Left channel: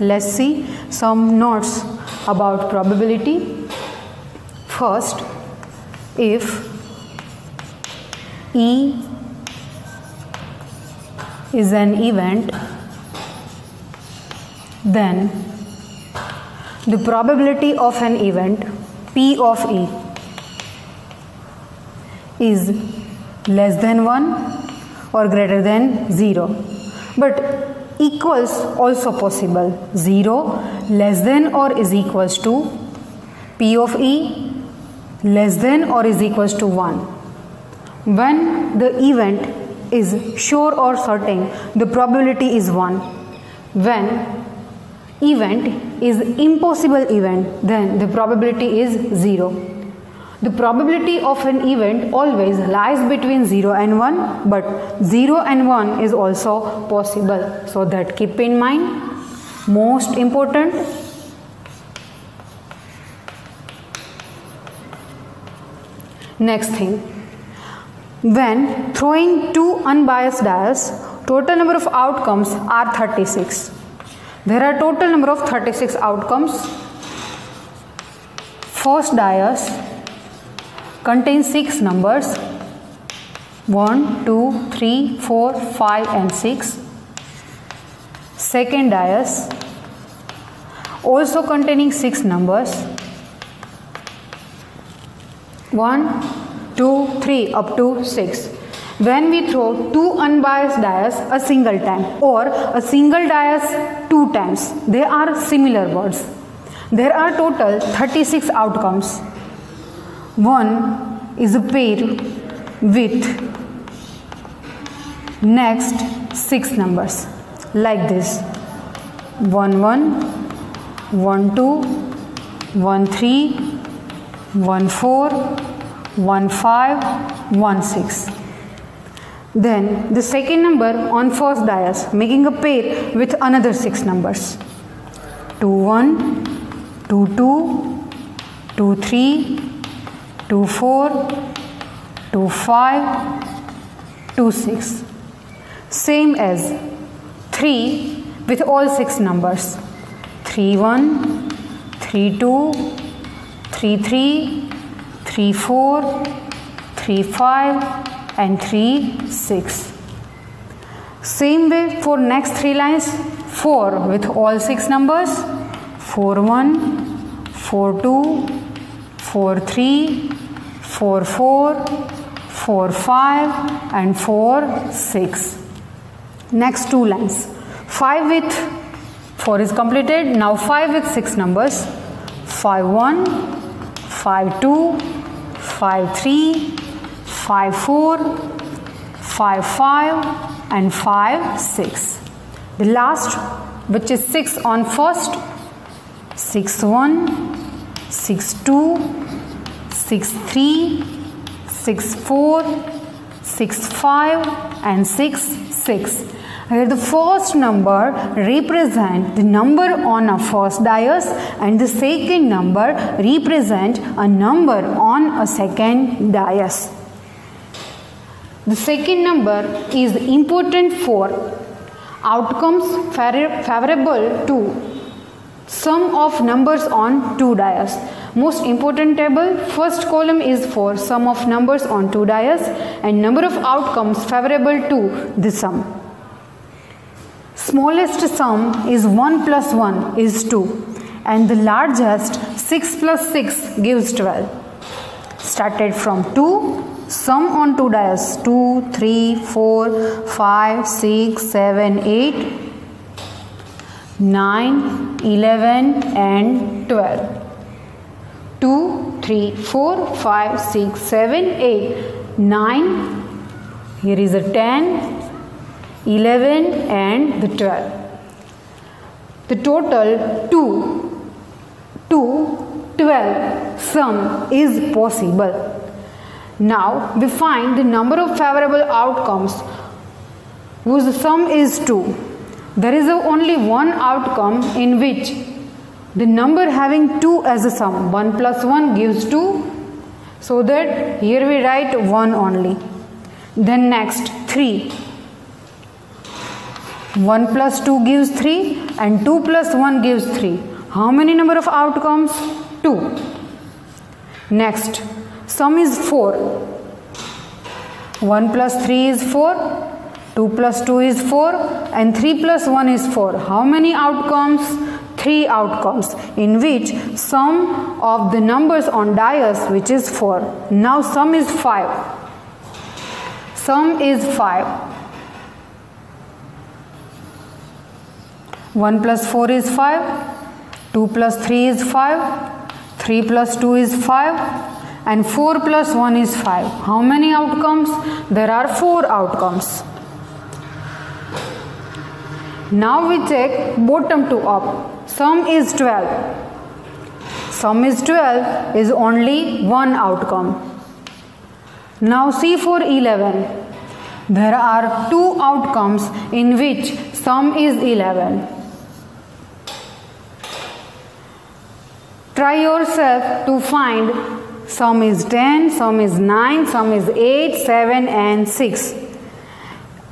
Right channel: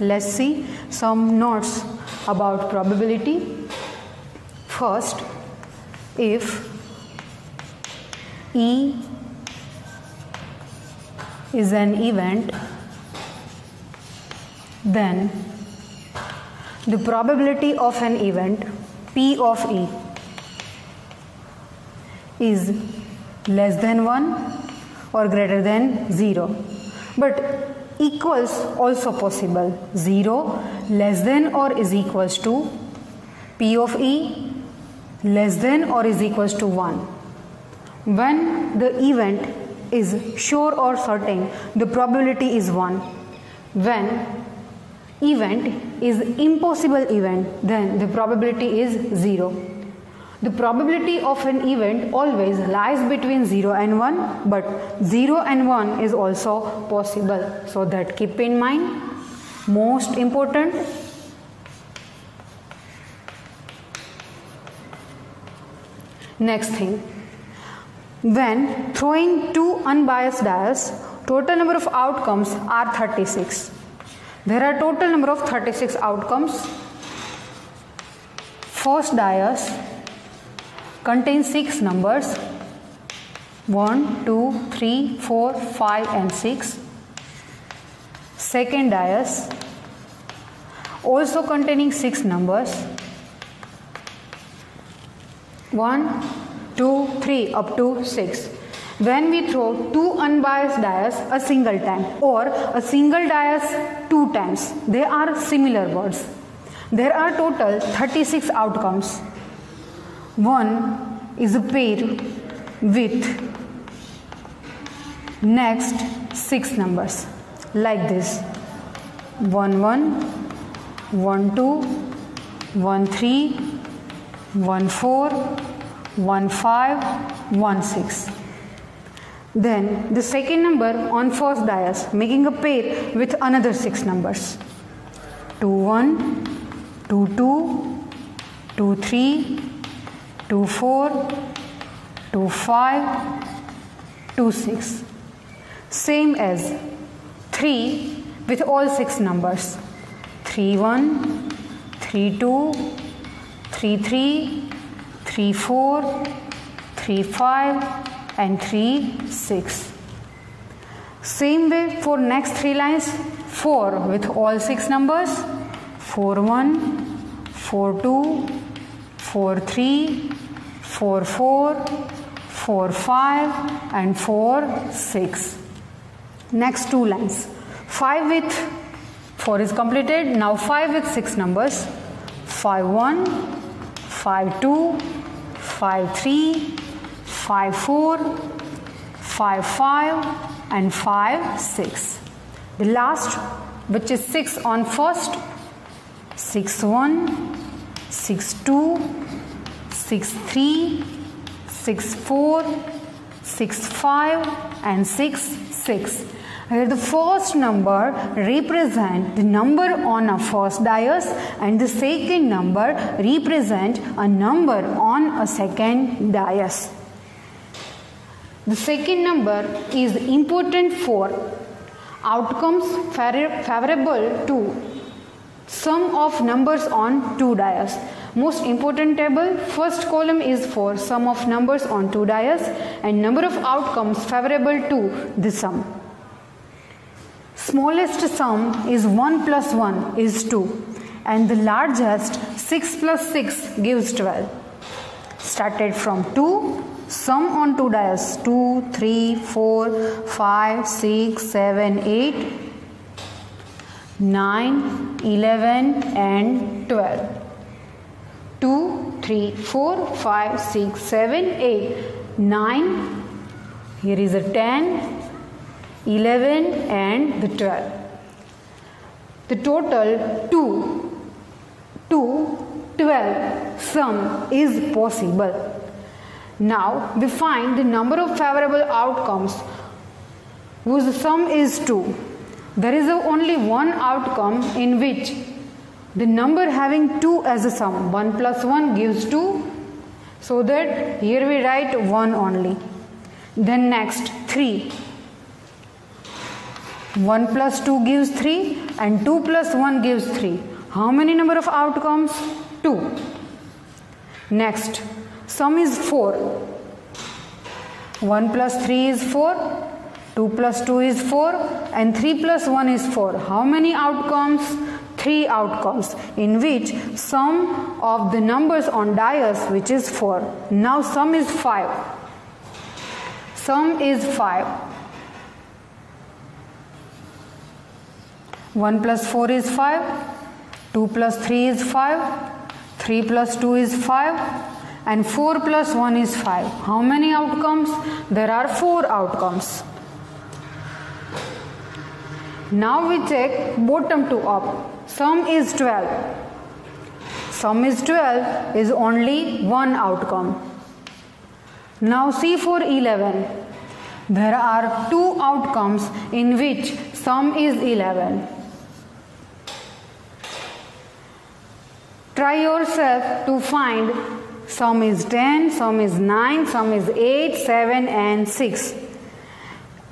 Let's see some notes about probability. First, if E is an event, then the probability of an event P of E is less than 1 or greater than 0, but equals also possible. 0 less than or is equals to P of E less than or is equals to 1. When the event is sure or certain, the probability is 1. When event is impossible event, then the probability is 0. The probability of an event always lies between 0 and 1, but 0 and 1 is also possible. So that keep in mind. Most important. Next thing. When throwing two unbiased dice, total number of outcomes are 36. There are total number of 36 outcomes. First dice contains 6 numbers 1, 2, 3, 4, 5 and 6. Second dice also containing 6 numbers 1, 2, 3 up to 6. When we throw two unbiased dice a single time or a single dice 2 times, they are similar words. There are total 36 outcomes. One is a pair with next 6 numbers like this: 1 1, 1 2, 1 3, 1 4, 1 5, 1 6. Then the second number on first dice making a pair with another 6 numbers: 2 1, 2 2, 2 3, 2 4, 2 5, 2 6. Same as 3 with all 6 numbers: 3 1, 3 2, 3 3, 3 4, 3 5 and 3 6. Same way for next 3 lines: 4 with all 6 numbers: 4 1, 4 2, 4 3, 4 4, 4 5 and 4 6. Next 2 lines: 5 with 4 is completed. Now 5 with 6 numbers: 5 1, 5 2, 5 3, 5 4, 5 5 and 5 6. The last, which is 6 on first: 6 1, 6 2, 6 3, 6 4, 6 5 and 6 6. Here the first number represent the number on a first dice and the second number represent a number on a second dice. The second number is important for outcomes favorable to sum of numbers on 2 dice. Most important table, first column is for sum of numbers on 2 dice and number of outcomes favorable to the sum. Smallest sum is 1 plus 1 is 2 and the largest 6 plus 6 gives 12. Started from 2, sum on 2 dice: 2, 3, 4, 5, 6, 7, 8, 9, 11 and 12. 2, 3, 4, 5, 6, 7, 8, 9. Here is a 10, 11 and the 12. The total 2 to 12 sum is possible. Now we find the number of favorable outcomes whose sum is 2. There is only one outcome in which the number having 2 as a sum. 1 plus 1 gives 2. So that here we write 1 only. Then next 3. 1 plus 2 gives 3 and 2 plus 1 gives 3. How many number of outcomes? 2. Next, sum is 4. 1 plus 3 is 4, 2 plus 2 is 4 and 3 plus 1 is 4. How many outcomes? 3 outcomes, in which sum of the numbers on dais, which is 4. Now sum is 5. Sum is 5. 1 plus 4 is 5, 2 plus 3 is 5, 3 plus 2 is 5 and 4 plus 1 is 5. How many outcomes? There are 4 outcomes. Now we check bottom to up. Sum is 12. Sum is 12 is only one outcome. Now see for 11. There are 2 outcomes in which sum is 11. Try yourself to find sum is 10, sum is 9, sum is 8, 7 and 6.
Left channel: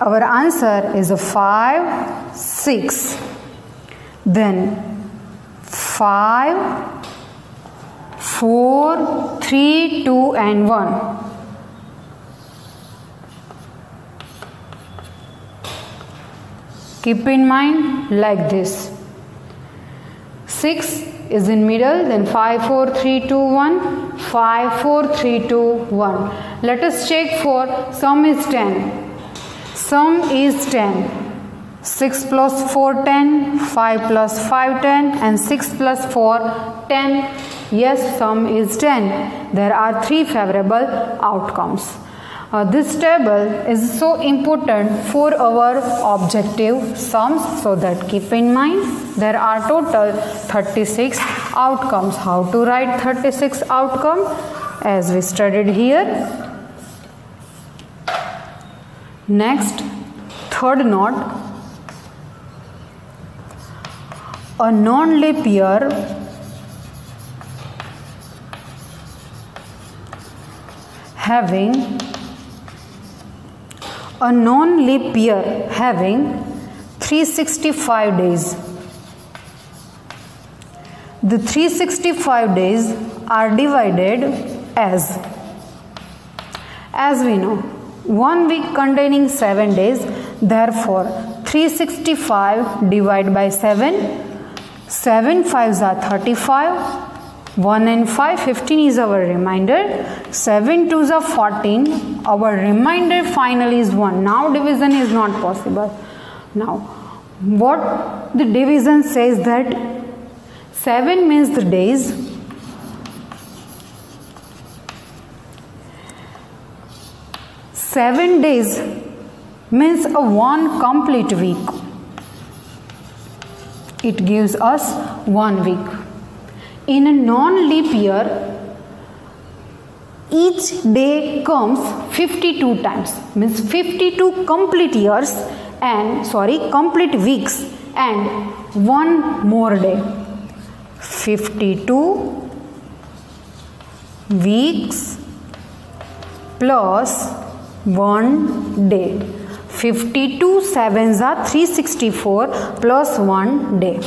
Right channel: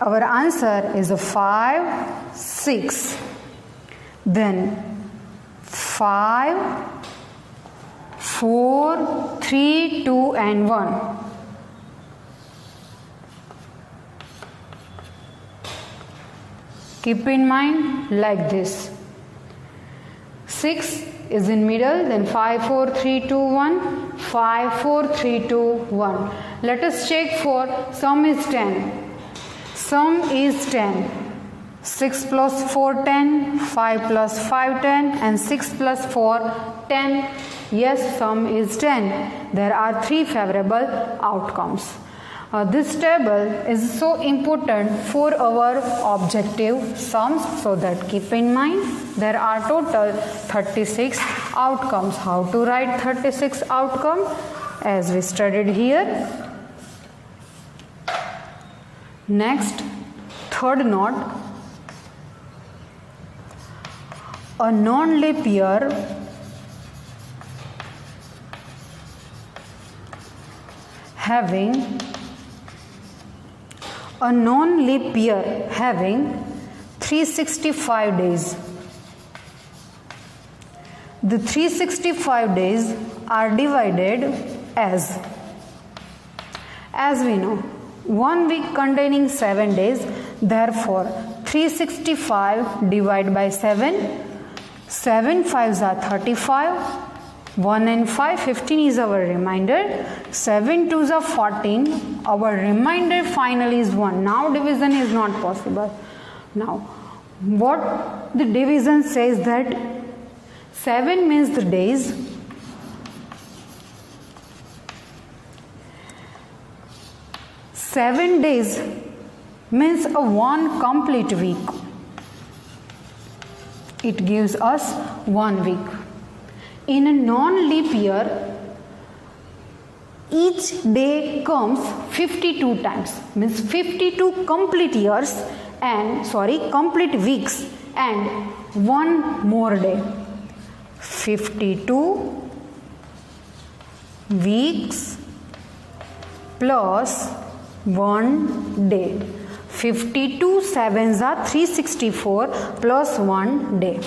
Our answer is 5, 6. Then 5, 4, 3, 2 and 1. Keep in mind like this. 6 is in middle, then 5, 4, 3, 2, 1. 5, 4, 3, 2, 1. Let us check for sum is 10. Sum is 10. 6 plus 4, 10. 5 plus 5, 10. And 6 plus 4, 10. Yes, sum is 10. There are 3 favorable outcomes. This table is so important for our objective sums, so that keep in mind there are total 36 outcomes. How to write 36 outcomes? As we studied here. Next, third note. A non-leap year having 365 days. The 365 days are divided as we know, 1 week containing 7 days, therefore 365 divided by 7, 7 5s are 35, 1 and 5, 15 is our remainder, 7 2s are 14, our remainder finally is 1. Now division is not possible. Now what the division says that 7 means the days, 7 days means a 1 complete week. It gives us 1 week. In a non-leap year, each day comes 52 times, means 52 complete years and complete weeks and 1 more day. 52 weeks plus 1 day. 52 7s are 364 plus 1 day.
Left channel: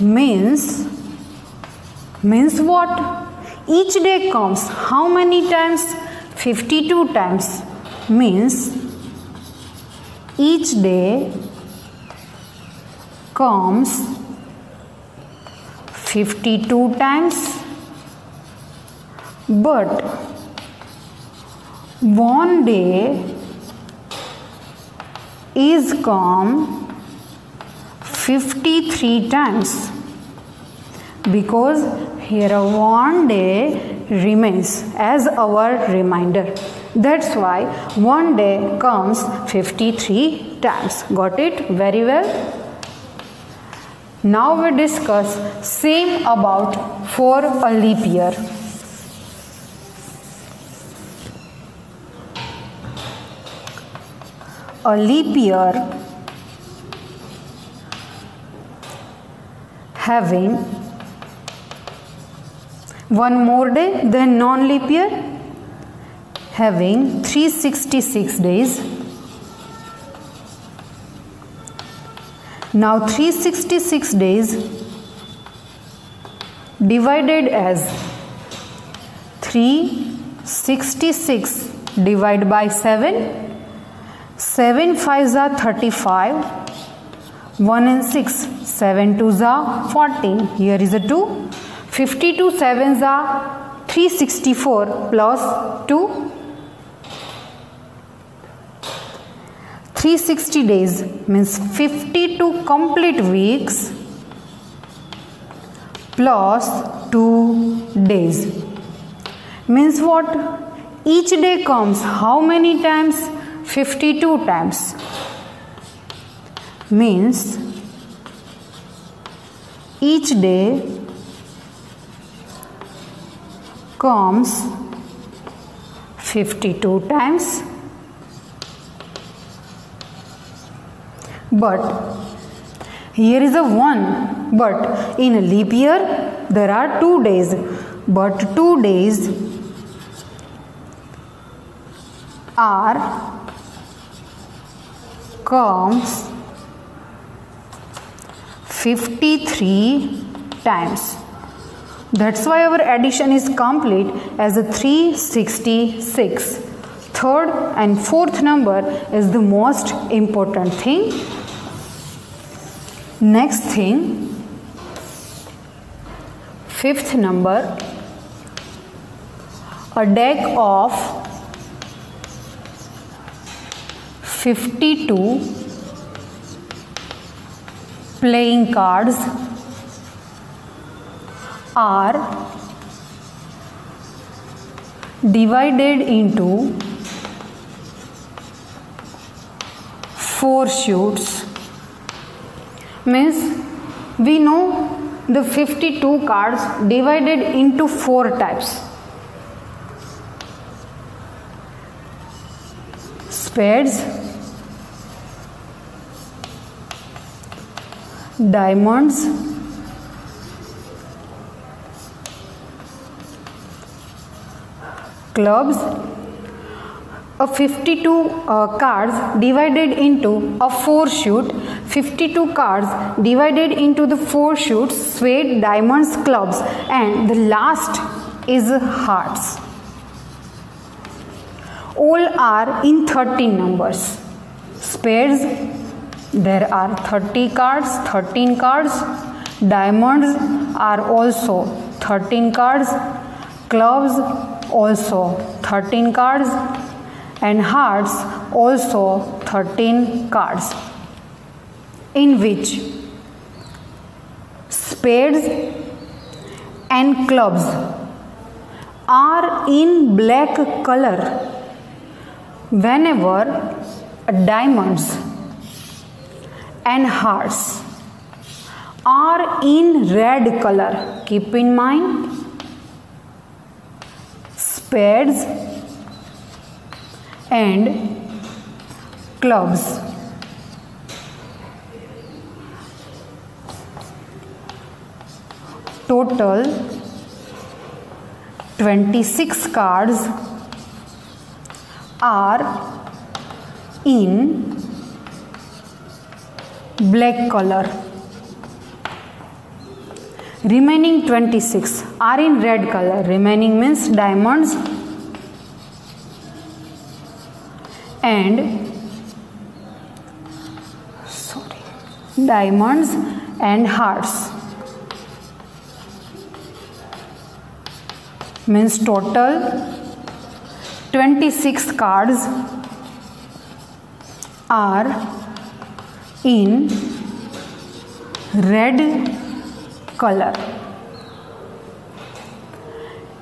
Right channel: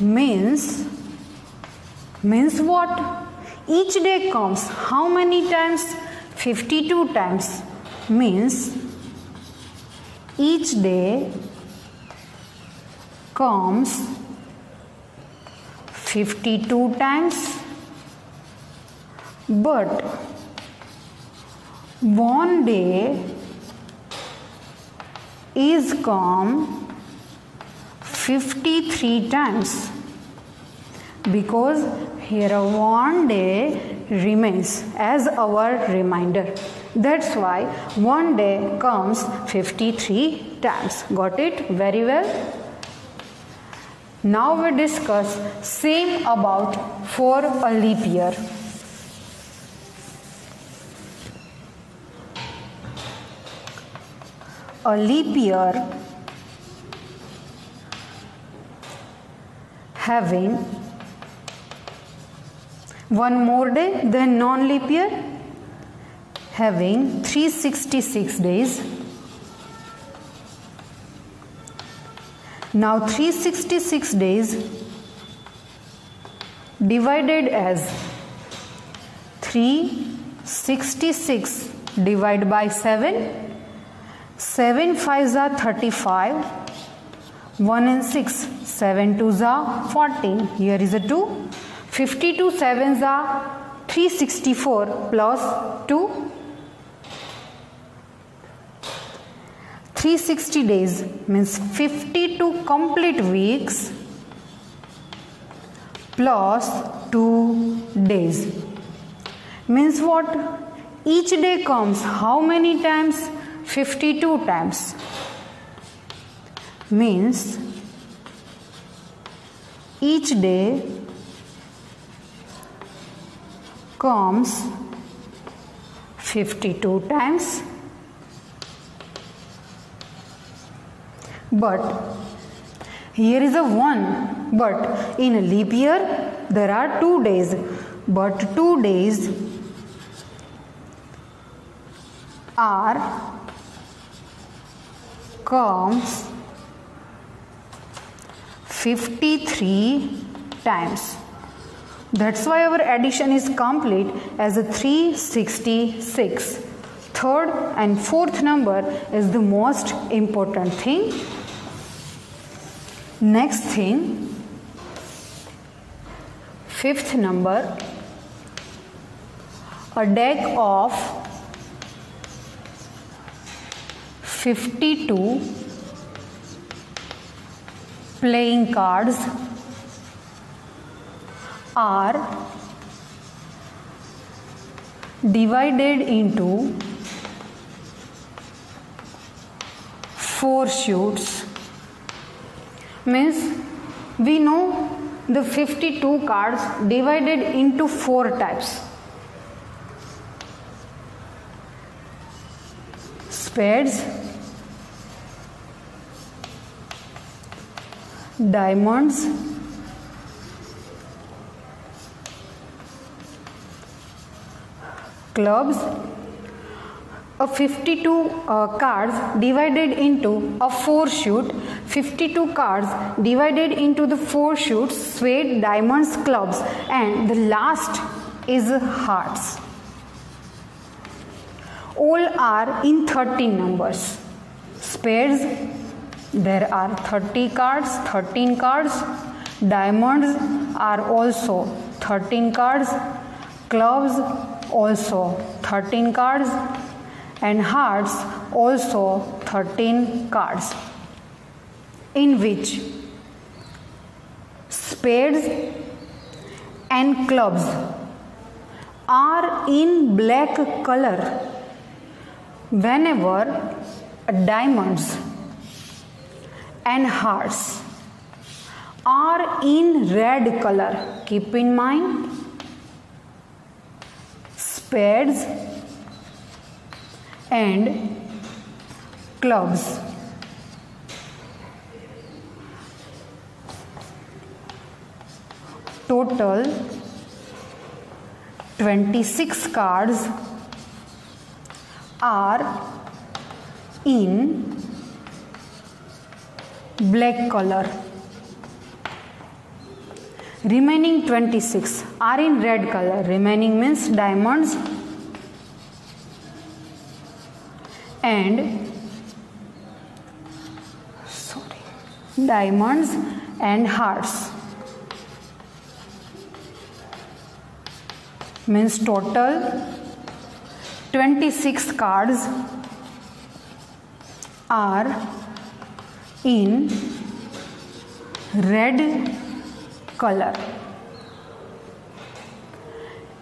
Means what? Each day comes how many times? 52 times. Means each day comes 52 times, but 1 day is come 53 times, because here 1 day remains as our remainder. That's why 1 day comes 53 times. Got it? Very well. Now we discuss same about for a leap year. A leap year having 1 more day than non-leap year, having 366 days, Now 366 days divided as 366 divided by 7. 7 5s are 35. 1 and 6. 7 2s are 14. Here is a 2. 52 7s are 364 plus 2. 360 days means 52 complete weeks plus 2 days. Means what? Each day comes how many times? 52 times. Means each day comes 52 times. But here is a 1. But in a leap year there are 2 days. But 2 days comes 53 times. That's why our addition is complete as a 366. Third and fourth number is the most important thing. Next thing, fifth number, a deck of 52 playing cards are divided into 4 shoots. Means we know the 52 cards divided into 4 types. Spades, diamonds, clubs. A 52 cards divided into a 4 shoot. 52 cards divided into the 4 shoots: spade, diamonds, clubs, and the last is hearts. All are in 13 numbers. Spades, there are 30 cards, 13 cards. Diamonds are also 13 cards. Clubs also 13 cards. And hearts also 13 cards, in which spades and clubs are in black color, whenever diamonds and hearts are in red color. Keep in mind, spades and clubs total 26 cards are in black color. Remaining 26 are in red color. Remaining means diamonds and diamonds and hearts. Means total 26 cards are in red color.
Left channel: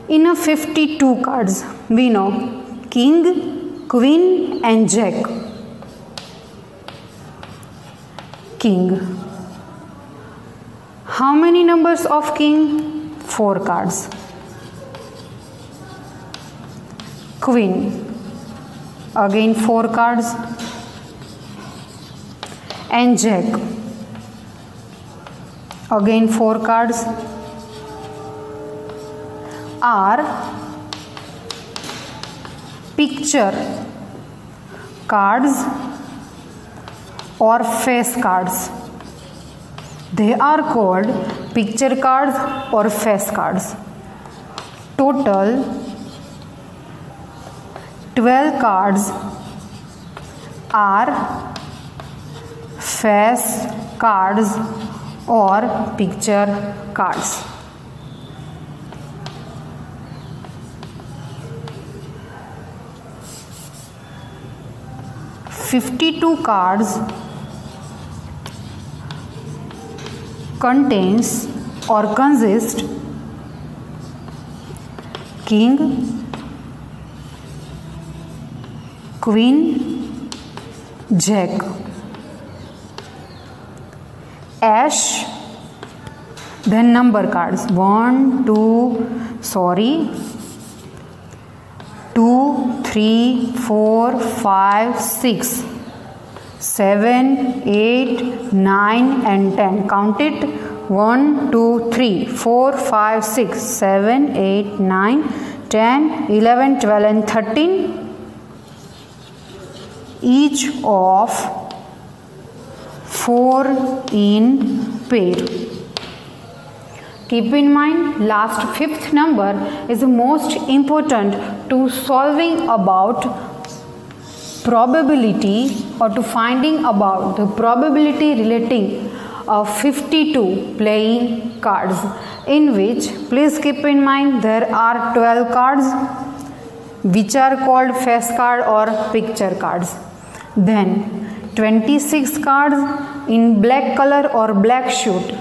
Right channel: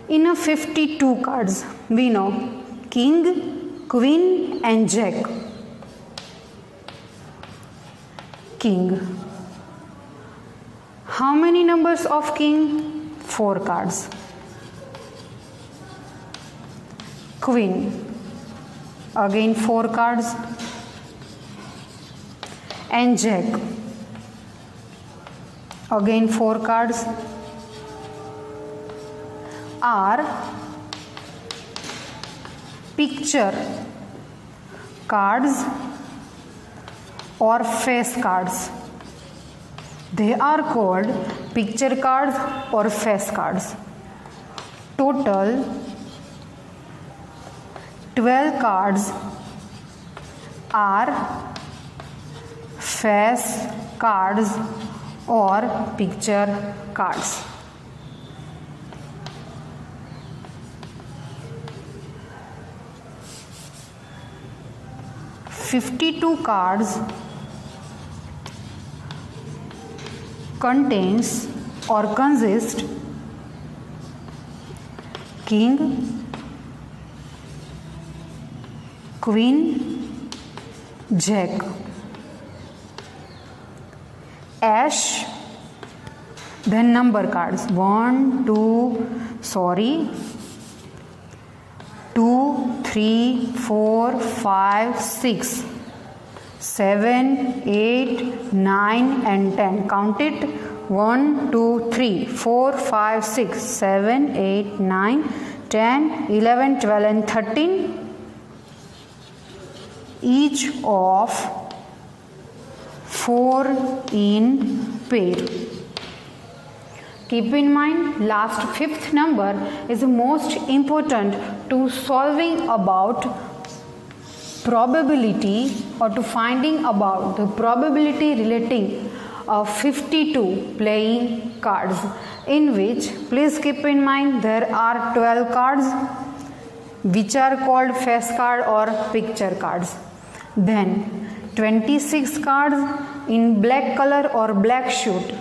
In a 52 cards, we know king, queen and jack. King. How many numbers of king? 4 cards. Queen. Again 4 cards. And jack. Again 4 cards. Are picture cards or face cards. They are called picture cards or face cards. Total 12 cards are face cards or picture cards. "52 cards contains or consist king, queen, jack, ace, then number cards 1, 2, 3, 4, 5, 6, 7, 8, 9 and 10. Count it. 1, 2, 3, 4, 5, 6, 7, 8, 9, 10, 11, 12 and 13. Each of 4 in pair. Keep in mind, last 5th number is most important to solving about probability or to finding about the probability relating of 52 playing cards, in which please keep in mind there are 12 cards which are called face card or picture cards. Then 26 cards in black color or black suit.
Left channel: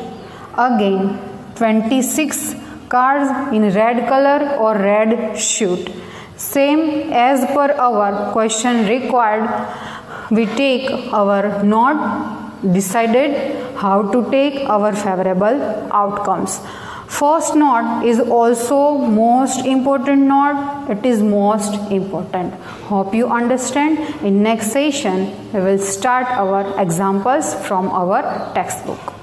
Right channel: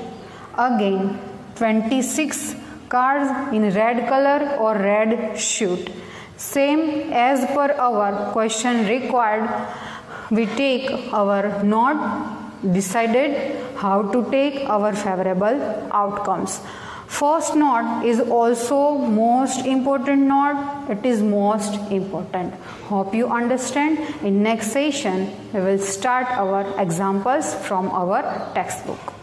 Again 26 cards in red color or red suit. Same as per our question required, we take our note, decided how to take our favorable outcomes. First note is also most important note. It is most important. Hope you understand. In next session, we will start our examples from our textbook.